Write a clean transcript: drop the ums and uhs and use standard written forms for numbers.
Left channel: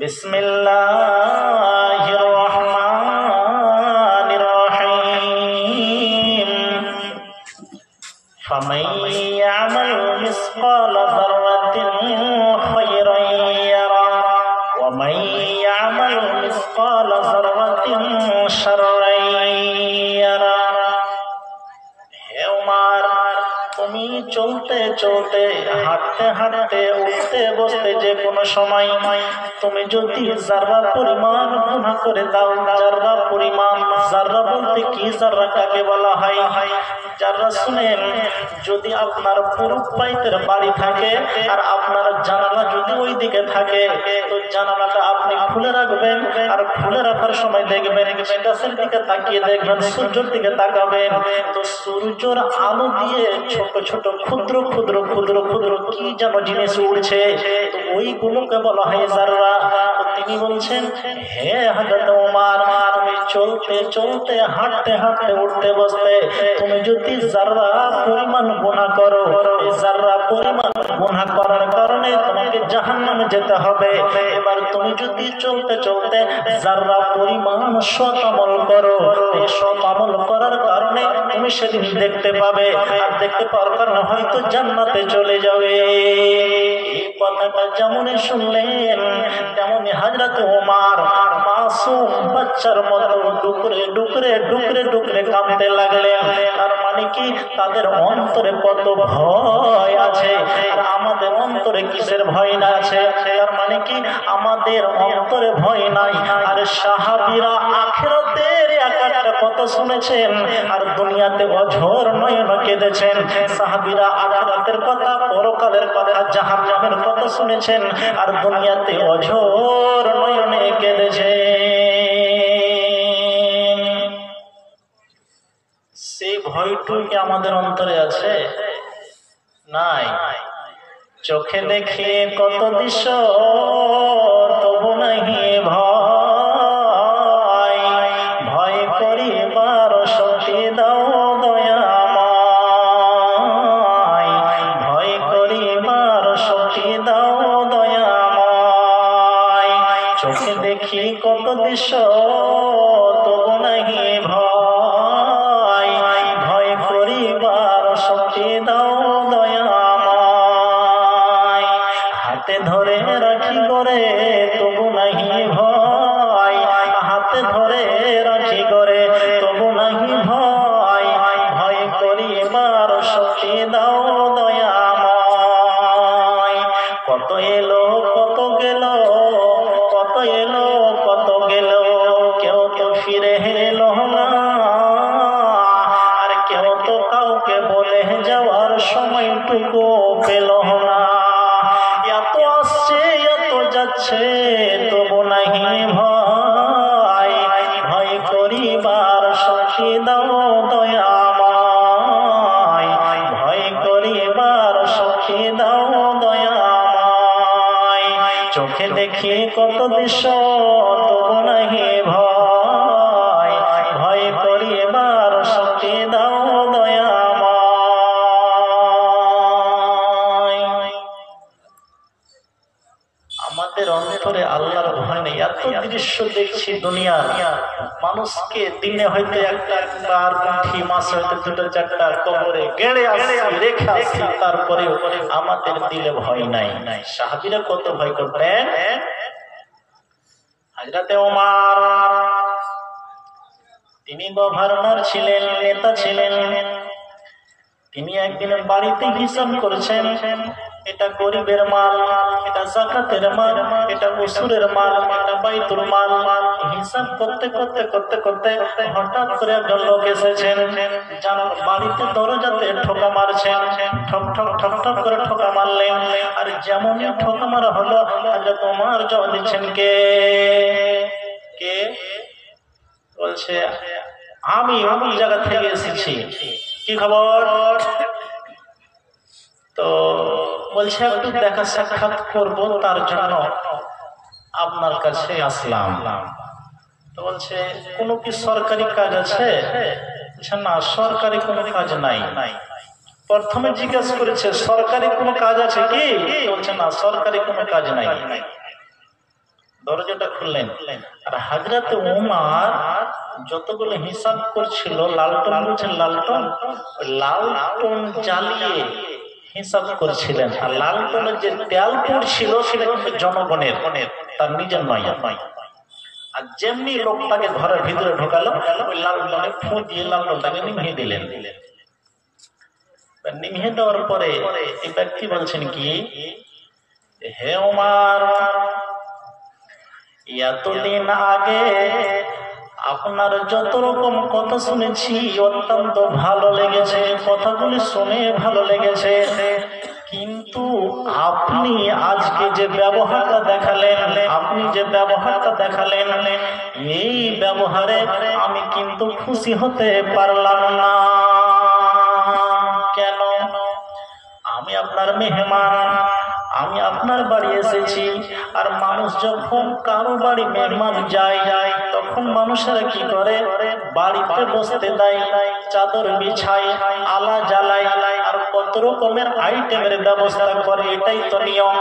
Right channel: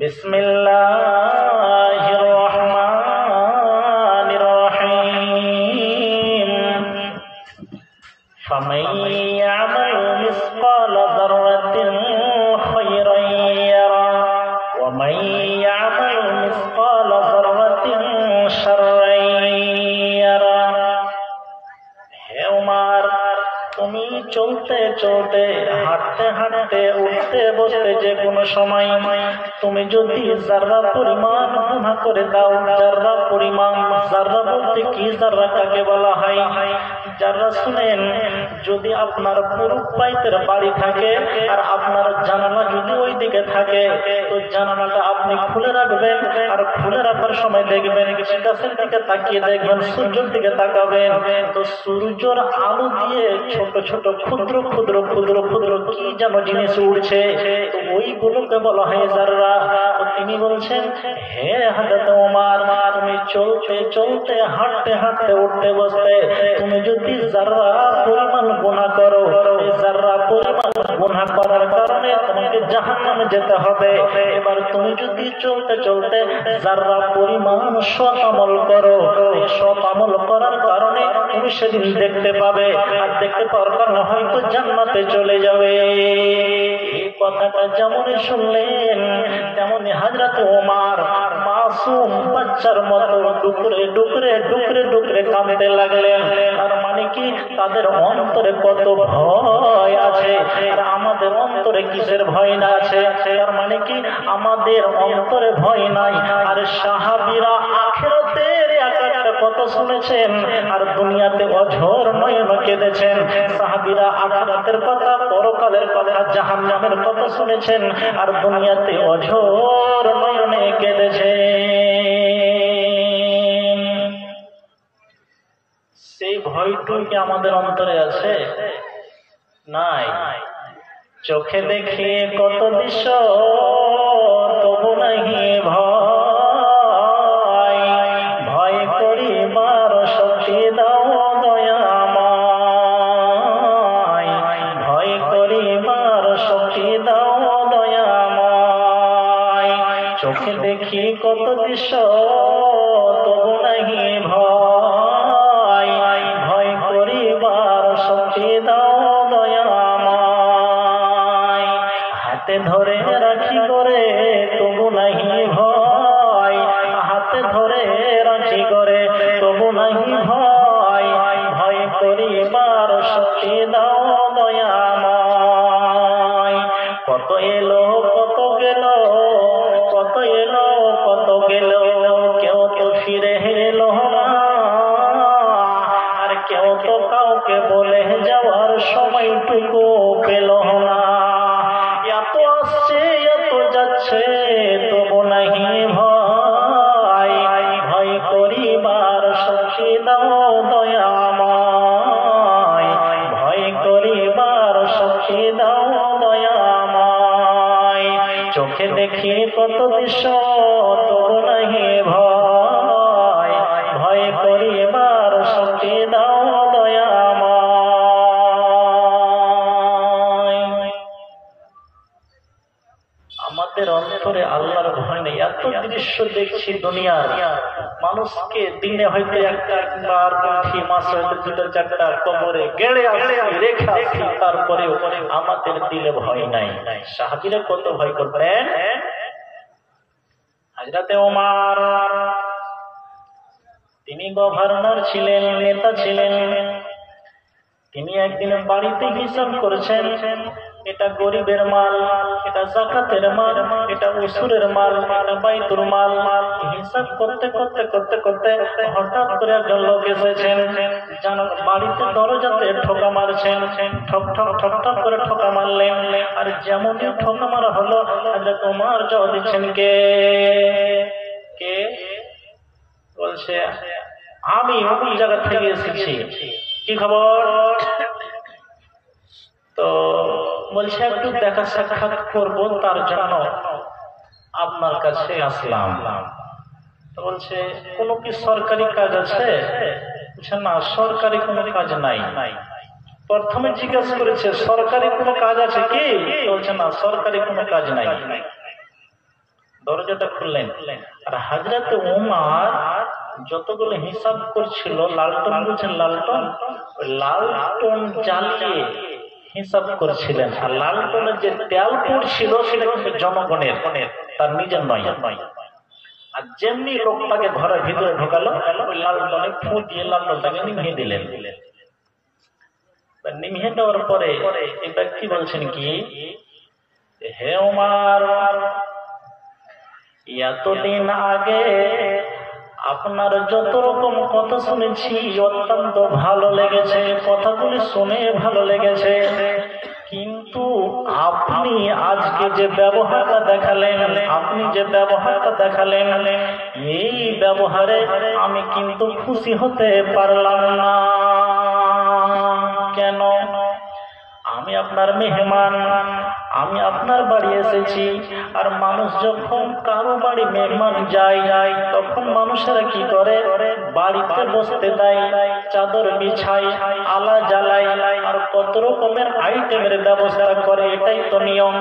বিসমিল্লাহির রহমানির রহিম। ফামান ইয়ামাল মিসকালা যাররাতিন খায়রান ইয়ারা ওয়া মান ইয়ামাল মিসকালা যাররাতিন শাররান ইয়ারা। হে উমর, তুমি চলতে চলতে, হাঁটতে হাঁটতে, উঠতে বসতে, যে কোনো সময় তুমি যদি যাররা পরিমাণ গুনাহ করে দাও, যাররা পরিমাণ, যাররা বলতে কি, যাররা কাকে বলা হয়? যাররা শুনেন, যদি আপনার পুরুষ পাইতের বাড়ি থাকে আর আপনার জানালা যদি ওই দিকে থাকে, তো জানালাটা আপনি খুলে রাখবেন, আর খুলে রাখার সময় দেখবেন গাছের দিকে তাকিয়ে দেখবেন, সূর্যের দিকে তাকাবেন, তো সূর্যের আলো দিয়ে ছোট ছোট ক্ষুদ্র ক্ষুদ্র ক্ষুদ্র ক্ষুদ্র কি যেন জিনিস উড়ছে, তো ওইগুলোকে বলা হয় যাররা। তো তিনি বলছেন, হে হযরত ওমর, তুমি চলতে চলতে, হাঁটতে হাঁটতে, উঠতে বসতে, তুমি যদি যাররা পরিমাণ গুনাহ করো, যাররা পরিমাণ গুনাহ করার কারণে তোমাকে জাহান্নামে যেতে হবে। এবার তুমি যদি চলতে চলতে যাররা পরিমাণ সৎ আমল করো, এই সৎ আমল করার কারণে তুমি সেদিন দেখতে পাবে, আর দেখতে পাওয়ার কারণে হয়তো জান্নাতে চলে যাবে। এই কথাটা যেমনই শুনলেন, তেমনি হযরত ওমর মাসুম বাচ্চার মতো ডুকরে ডুকরে ডুকরে ডুকরে কাঁদতে লাগলেন। আর মানে কি, তাদের অন্তরে কত ভয় আছে, আর আমাদের অন্তরে কিসের ভয় না আছে? তার মানে কি, আমাদের অন্তরে ভয় নাই, আর সাহাবীরা আখিরাতের একটা কথা শুনেছেন আর দুনিয়াতে অঝোর নয়নে কেঁদেছেন। সাহাবীরা আখিরাতের কথা, পরকালের কথা, জাহান্নামের কথা শুনেছেন আর দুনিয়াতে অঝোর নয়নে কেঁদেছেন। সেই ভয়টুকু কি আমাদের অন্তরে আছে? নাই। চোখে দেখে কত দৃশ্য, তবু নাহি ভয়, ভয় করিবার শক্তি দাও দয়াময়, ভয় করিবার শক্তি দাও দয়াময়। চোখে দেখি কত দৃশ্য, তবু নাহি ভয়, ভয় করিবার শক্তি দাও দয়াময়। হাতে ধরে রাখি করে, তবু নাহি ভয়, হাতে ধরে রাখি করে, তবু নাহি ভয়, ভয় করিবার শক্তি দাও দয়াময়। কত এলো কত গেল, কত এলো কত গেল, কেউ তো ফিরে এলো না, আর কেউ তো কাউকে বলে যাওয়ার সময়টুকু পেল না। এত আসছে এত যাচ্ছে, তবু নাহি ভয়, ভয় করিবার শক্তি দাও দয়াময়, ভয় করিবার শক্তি দাও দয়াময়। চোখে দেখি কত দৃশ্য, তবু নাহি ভয়, ভয় করিবার শক্তি দাও দয়াময়। আমাদের অন্তরে আল্লাহর ভয় নেই। এত দৃশ্য দেখছি দুনিয়ার, মানুষকে দিনে হয়তো একটা একবার, মাসে হয়তো দুটো চারটা কবরে গেড়ে আসি, রেখে আসি, তারপরেও আমাদের দিলে ভয় নাই। সাহাবীরা কত ভয় করতেন। হযরত ওমর, তিনি গভর্নর ছিলেন, নেতা ছিলেন। তিনি একদিন বাড়িতে হিসাব করেছেন, এটা গরিবের মাল, এটা যাকাতের মাল, এটা উসুরের মাল, এটা বাইতুল মাল। হিসাব করতে করতে করতে করতে হঠাৎ করে একজন লোক এসেছেন, জানার বাড়িতে দরজাতে ঠোকা মারছেন, ঠক ঠক ঠক ঠক করে ঠোকা মারলেন। আর যেমনই ঠোকা মারা হলো, হযরত ওমর জবাব দিচ্ছেন, কে কে? বলছে, আমি অমুক জায়গা থেকে এসেছি, কি খবর? তো বলছে, একটু দেখা সাক্ষাৎ করবো, তার জন্য আপনার কাছে আসলাম। তো বলছে, কোনো কি সরকারি কাজ আছে? বলছে, না, সরকারি কোনো কাজ নাই। প্রথমে জিজ্ঞাসা করেছে, সরকারি কোনো কাজ আছে কি? বলছে, না, সরকারি কোনো কাজ নাই। দরজাটা খুললেন। আর হযরত উমর যতগুলো হিসাব করছিল, লালটন বুঝছেন, লালটন জ্বালিয়ে হিসাব করছিলেন। আর লালটনের যে তেল পড়ছিল সেটা কিন্তু জনগণের, তার নিজের নয়। আর যেমনি লোকটাকে ঘরের ভিতরে ঢোকালো, ওই লালটনে ফু দিয়ে লালটনটাকে নিভিয়ে দিলেন। নিভিয়ে দেওয়ার পরে এই ব্যক্তি বলছেন কি, হে উমর, এতদিন আগে আপনার যত রকম কথা শুনেছি অত্যন্ত ভালো লেগেছে, কথাগুলি শুনে ভালো লেগেছে, কিন্তু আপনি আজকে যে ব্যবহারটা দেখালেন, এই ব্যবহারে আমি কিন্তু খুশি হতে পারলাম না। কেন? আমি আপনার মেহমান, আমি আপনার বাড়ি এসেছি। আর মানুষ যখন কারো বাড়ি মেহমান যায় তখন মানুষেরা কি করে, বাড়িতে বসতে দেয়, চাদর বিছায়, আলা জ্বালায়, আর কত রকমের আইটেমের ব্যবস্থা করে, এটাই তো নিয়ম।